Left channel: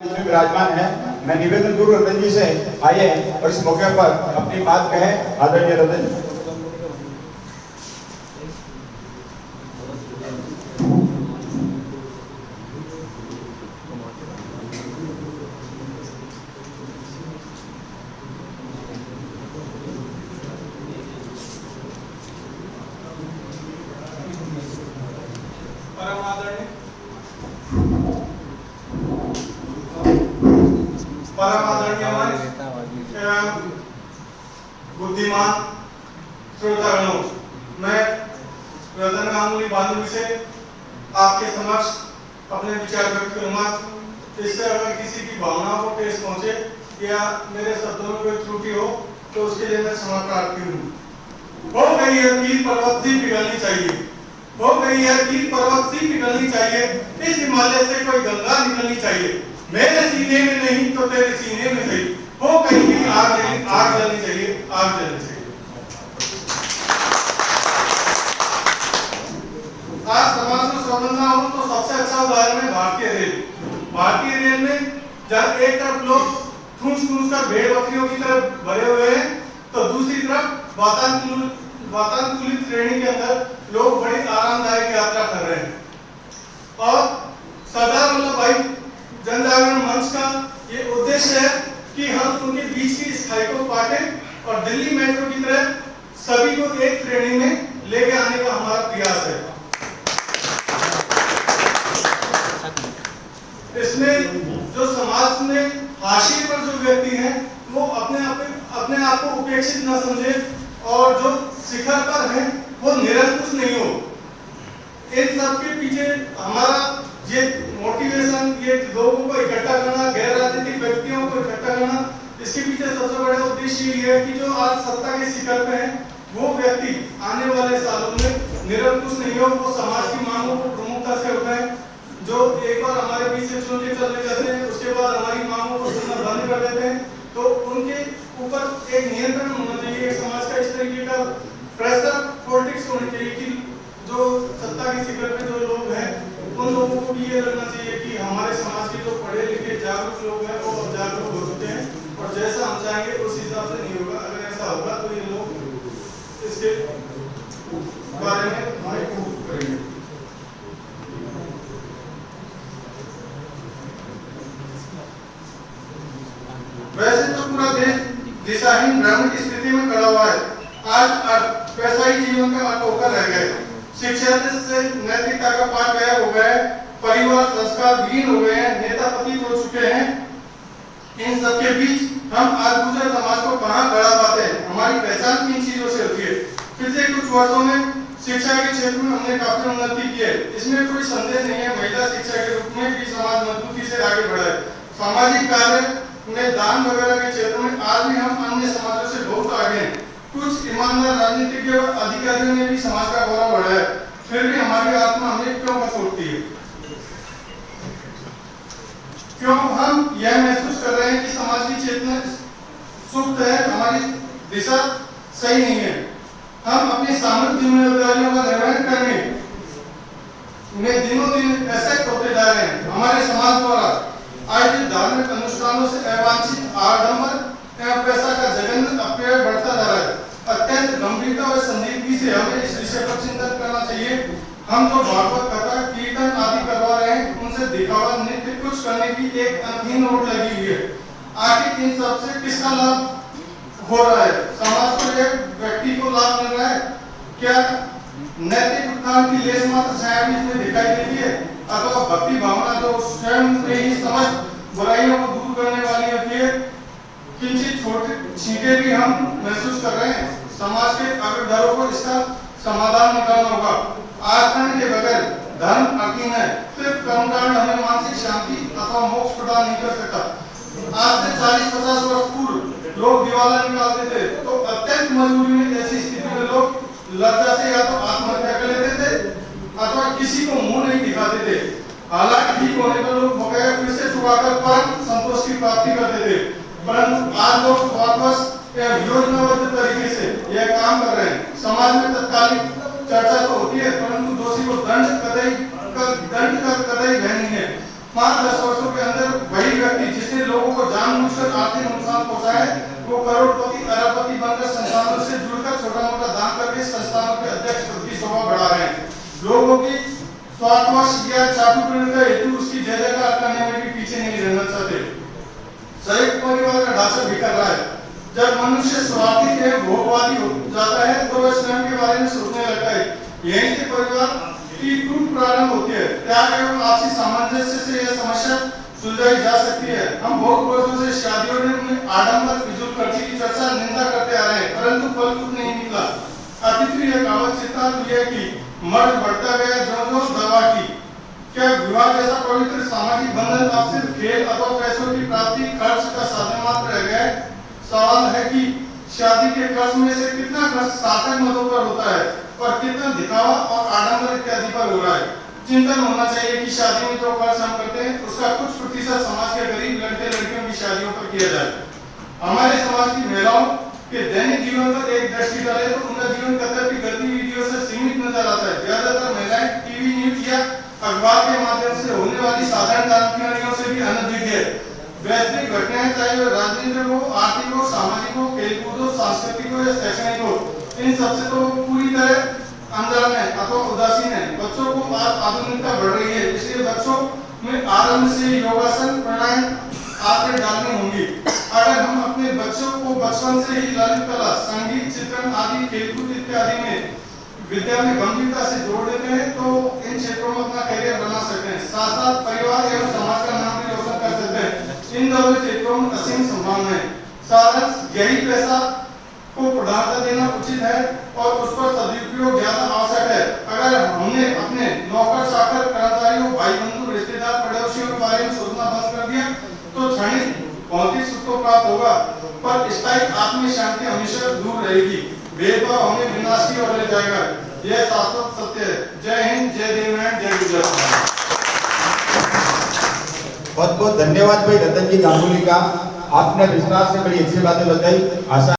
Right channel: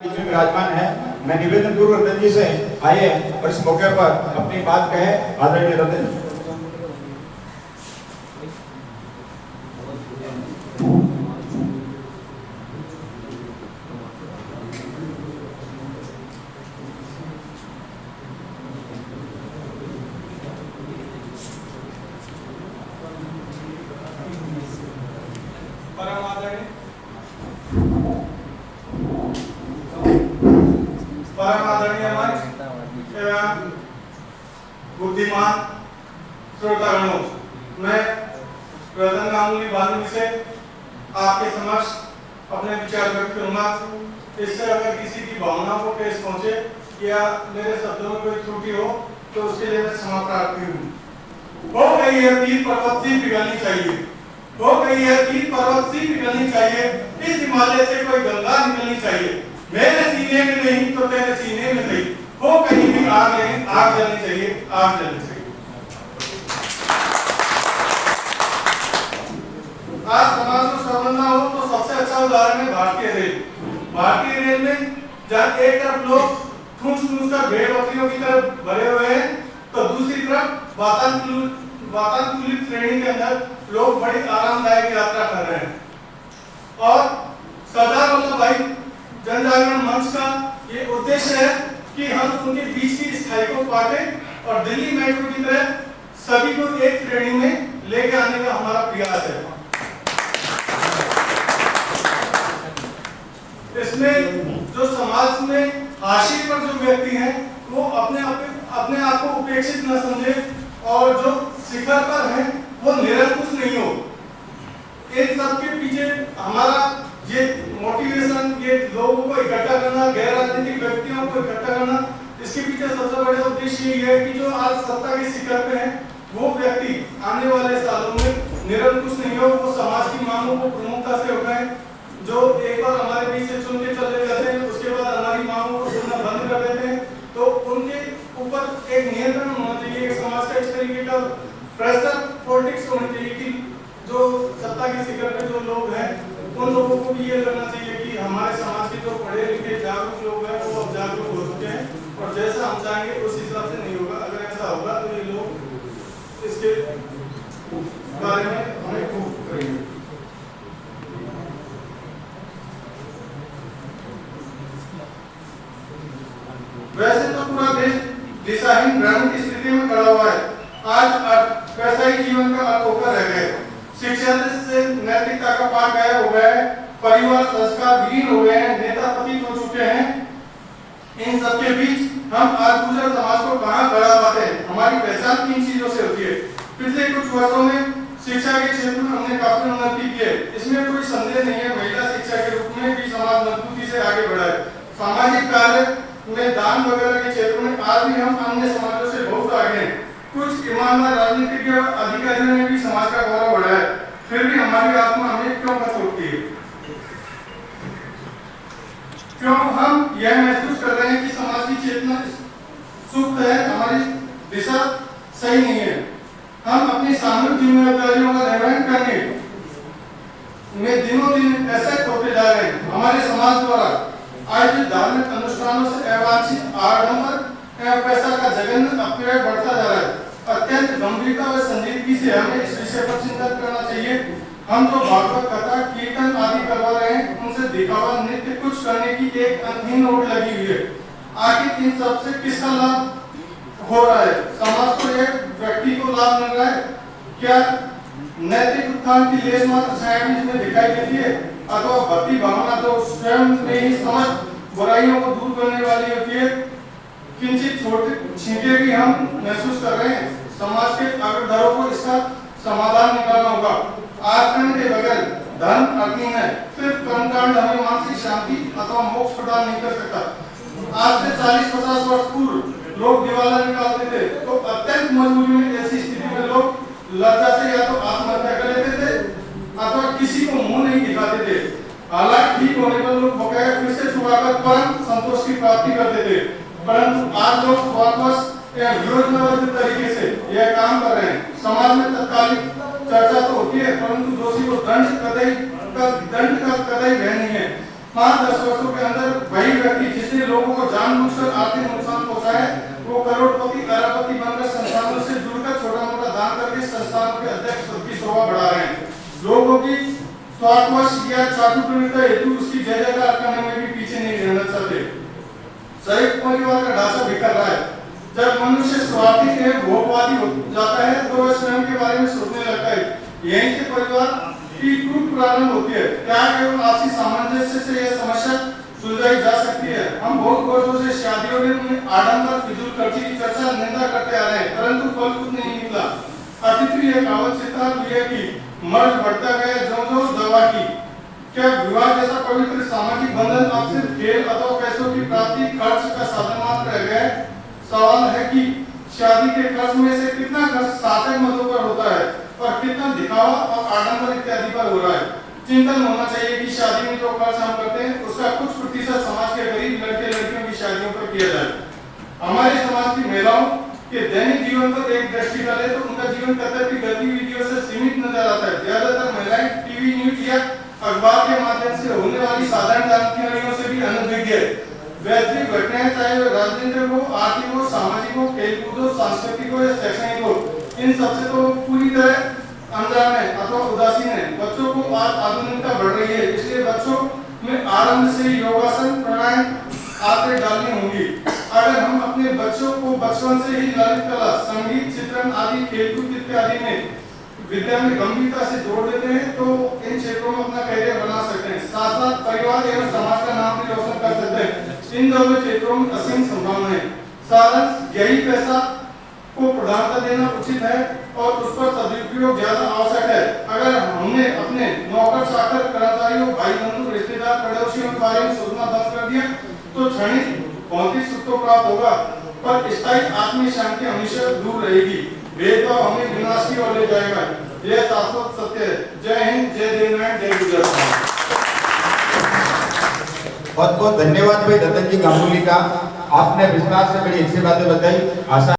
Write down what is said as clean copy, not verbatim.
इसमें विराजमान है। मैं निवेदन करूं रतन जी से आइए और इस मौके पर अपनी बात कहें। आदरणीय रतन जी। परम आदरणीय मंच एवं बुद्धिमान श्रोतागणों, मैं रतन गांगुली बांधवी से आपके समक्ष अपने विचार व्यक्त करूंगा। इससे अगर किसी की भावनाओं को ठेस पहुंचे या मेरे शब्दों में कोई त्रुटि हो तो उसके लिए मैं क्षमा प्रार्थी हूँ। हो गई है पीर पर्वत सी पिघलनी चाहिए, हो गई है पीर पर्वत सी पिघलनी चाहिए, इस हिमालय से कोई गंगा निकलनी चाहिए। मेरे सीने में नहीं तो तेरे सीने में सही, हो कहीं भी आग नहीं, आग जलनी चाहिए, आग जलनी चाहिए। आज समाज में समझना हो तो सबसे अच्छा उदाहरण है भारतीय रेल। भारतीय रेल में जब एक तरफ लोग ठूंस कर भेड़ बकरियों की तरफ भरे हुए हैं तो दूसरी तरफ वातानुकूलित श्रेणी के अंदर लोग बड़ी आरामदायक यात्रा कर रहे हैं। और सरदार वल्लभ भाई जनजागरण मंच का ये उद्देश्य है कि हम उनके बीच की इस खाई को काटें और दिल्ली मेट्रो की तरह सभी को एक श्रेणी में लेके आने का हमारा प्रयास है। इसमें जो समाज में हाशिए पर जो व्यक्ति हैं वो अपने आप को उपेक्षित न समझे और जो शिखर पर है वो निरंकुश नहीं हो। इन सब के पीछे हमारा ये मोटिवेशन, ये लोगों को इकट्ठा करना, गैर राजनीतिक व्यक्तियों को इकट्ठा करना, इसके पीछे सबसे बड़ा उद्देश्य ये है कि जो आज सत्ता के शिखर पे हैं वो व्यक्ति आने वाले सालों में निरंकुश नहीं हो, वो समाज की मांगों को प्रमुखता से उठाएं। जो एक बार हमारे बीच से चुन के चले जाते हैं उसके बाद हमारी मांगों को सुनना बंद कर देते हैं, तो उनके ऊपर एक नियंत्रण होना चाहिए। एक समाज का इस तरीके का प्रेशर पॉलिटिक्स होनी चाहिए कि जो सत्ता के शिखर पे जो लोग हैं उन लोगों को भी ये लगना चाहिए कि हमारे समाज के जो पढ़े लिखे जागरूक लोग हैं वो अब जागरूक हो चुके हैं और जैसा हम चाहेंगे उस हिसाब से नहीं होगा। अगर ऐसा होगा तो ये लोग इसके बारे में हमें प्रूव करेंगे। वैसे तो पूरा देश दिशाहीन भ्रम की स्थिति में खड़ा हुआ है। आज पैसा ही जीवन का अर्थ होकर रह गए। शिक्षा से नैतिकता का पाठ गायब हो गया है, परिवार संस्कार विहीन हो गए हैं, नेता पतित हो चुके हैं। इन सबके बीच हम आज गुजर समाज को कहां खड़ा पाते हैं? हमारी पहचान किन चीजों से होती है? पिछले कुछ वर्षों में शिक्षा के क्षेत्र में हमने काफी उन्नति की है, इसमें कोई संदेह नहीं है। महिला शिक्षा के रूप में भी समाज मजबूती से आगे बढ़ा है। सामाजिक कार्य में दान वगैरह के क्षेत्र में आज भी हम अन्य समाजों से बहुत आगे हैं। कुछ ईमानदार राजनीतिक अधिकारियों ने भी समाज का गौरव बढ़ाया है, फिर भी हमारी आत्मा हमें क्यों पछोड़ती है? क्यों हम यह महसूस कर रहे हैं कि समाज की चेतना सुप्त है, हमारी दिशा सही नहीं है? हम अपनी सामूहिक जिम्मेदारियों का निर्वहन करने में दिनों दिन ऐसे होते जा रहे हैं। हमारे समाज द्वारा आयोजित धार्मिक अनुष्ठानों से अवांछित आडंबर एवं पैसा का जघन्य अपव्यय बढ़ता जा रहा है। अत्यंत गंभीरता और संजीदगी से हमें इस विषय पर चिंतन करना चाहिए। हम जो भागवत कथा कीर्तन आदि करवा रहे हैं उनसे दिखावा नित्य कुछ करने की एक अंतहीन होड़ लगी हुई है। आखिर इन सब से किसका लाभ हो रहा है? समाज को, एक व्यक्ति को लाभ मिल रहा है? क्या नैतिक उत्थान की लेस मात्र छाया भी इसमें दिखाई देती है? अथवा भक्ति भावना जो स्वयं में ही समस्त बुराइयों को दूर करने वाली होती है, किंचित छोटे छींटे भी हम महसूस कर रहे हैं। समाज के अग्रदरों को इसका समाधान निकालना होगा। आचरण के बगैर धर्म अर्थहीन है। सिर्फ कर्मकांड हमें मानसिक शांति अथवा मोक्ष प्रदान नहीं कर सकता। आज से 40-50 वर्ष पूर्व लोग दिवाला निकालते थे तो अत्यंत मजबूरी में ऐसी स्थिति में लोग लज्जा से या तो आत्महत्या कर लेते थे अथवा किसी को मुंह नहीं दिखाते थे। हालात ठीक होने पर लोग बकाया फिर से चुकाकर परम संतोष की प्राप्ति करते थे, परंतु आज लोग वापस योजनाबद्ध तरीके से यह काम कर रहे हैं। समाज में तत्कालिक चर्चा तो होती है परंतु दोषी को दंड कतई भय नहीं है। 5-10 वर्षों के अंदर वही व्यक्ति जिसने लोगों को जानबूझकर आर्थिक नुकसान पहुंचाया है, वो करोड़पति अरबपति बनकर संस्थानों से जुड़कर छोटा मोटा दान करके संस्थानों के अध्यक्ष पद की शोभा बढ़ा रहे हैं। लोगों की स्वार्थवश या चाटुकर्णी का हेतु उसकी जय जयकार करने में भी पीछे नहीं रहना चाहते। संयुक्त परिवार का ढांचा बिखर रहा है। जब मनुष्य स्वार्थी के भोगवादी हो जाता है तो वह स्वयं के बारे में सोचने लगता है। यहीं से परिवार की टूट प्रारंभ होती है। त्याग एवं आपसी सामंजस्य से यह समस्या सुलझाई जा सकती है। हम बहुत वर्षों से शादियों में आडंबर फिजूल खर्ची की चर्चा निंदा करते आ रहे हैं, परंतु फल कुछ नहीं मिला। अतिथि एक कहावत सिद्धांत यह कि मर्द बढ़ता गया जो दवा की। क्या विवाह जैसा पवित्र सामाजिक बंधन अब सिर्फ खेल अथवा पैसों की प्राप्ति खर्च का साधन मात्र रह गया है? सवाल है कि शादी के खर्च में से कितना खर्च सार्थक मदों पर होता है और कितना दिखावा और आडंबर इत्यादि पर हो रहा है। चिंतन होना चाहिए कि शादी में जो खर्च हम करते हैं उसका कुछ प्रतिशत समाज के गरीब लड़के लड़कियों की शादियों पर किया जाए। हमारे समाज की महिलाओं के दैनिक जीवन पर एक दृष्टि डाले तो उनका जीवन कतर की गतिविधियों से सीमित नजर आता है। ज्यादातर महिलाएं टीवी न्यूज या अखबार के माध्यम से होने वाली साधारण जानकारियों से भी अनभिज्ञ है। वैश्विक घटनाएं चाहे वे राजनीतिक हो, आर्थिक हो, सामाजिक हो, खेलकूद हो, सांस्कृतिक हो या शैक्षणिक हो, इन सबसे तो पूरी तरह अनजान है अथवा उदासीन है। बच्चों को आज आधुनिकता बढ़ रही है, इसलिए बच्चों में आरंभ से योगासन प्राणायाम आदतें डालनी होंगी। अगर हम अपने बच्चों को बचपन से ही ललित कला, संगीत, चित्रण आदि खेलकूद इत्यादि में विद्या में गंभीरता से जोड़ देते हैं तो इन क्षेत्रों में अपना करियर बना सकते हैं। साथ साथ परिवार एवं समाज का नाम भी रोशन कर सकते हैं। इन दोनों क्षेत्रों में असीम संभावना है। साधन यही पैसा को प्रधानता देना उचित है और उस पर सदुपयोग ज्यादा आवश्यक है। अगर हमने अपने नौकर चाकर कर्मचारियों भाई बंधु रिश्तेदार पड़ोसियों के बारे में सोचना बंद कर दिया तो क्षणिक भौतिक सुख तो प्राप्त होगा पर स्थायी आत्मिक शांति हमेशा दूर रहेगी। भेदभाव हमें विनाश की ओर ले जाएगा। यह शाश्वत सत्य है। जय हिंद, जय देवनारायण, जय गुजरात। बहुत बहुत धन्यवाद भाई रतन जी गांगुली का, आपने विस्तार से बड़ी अच्छी बातें बताई। आशा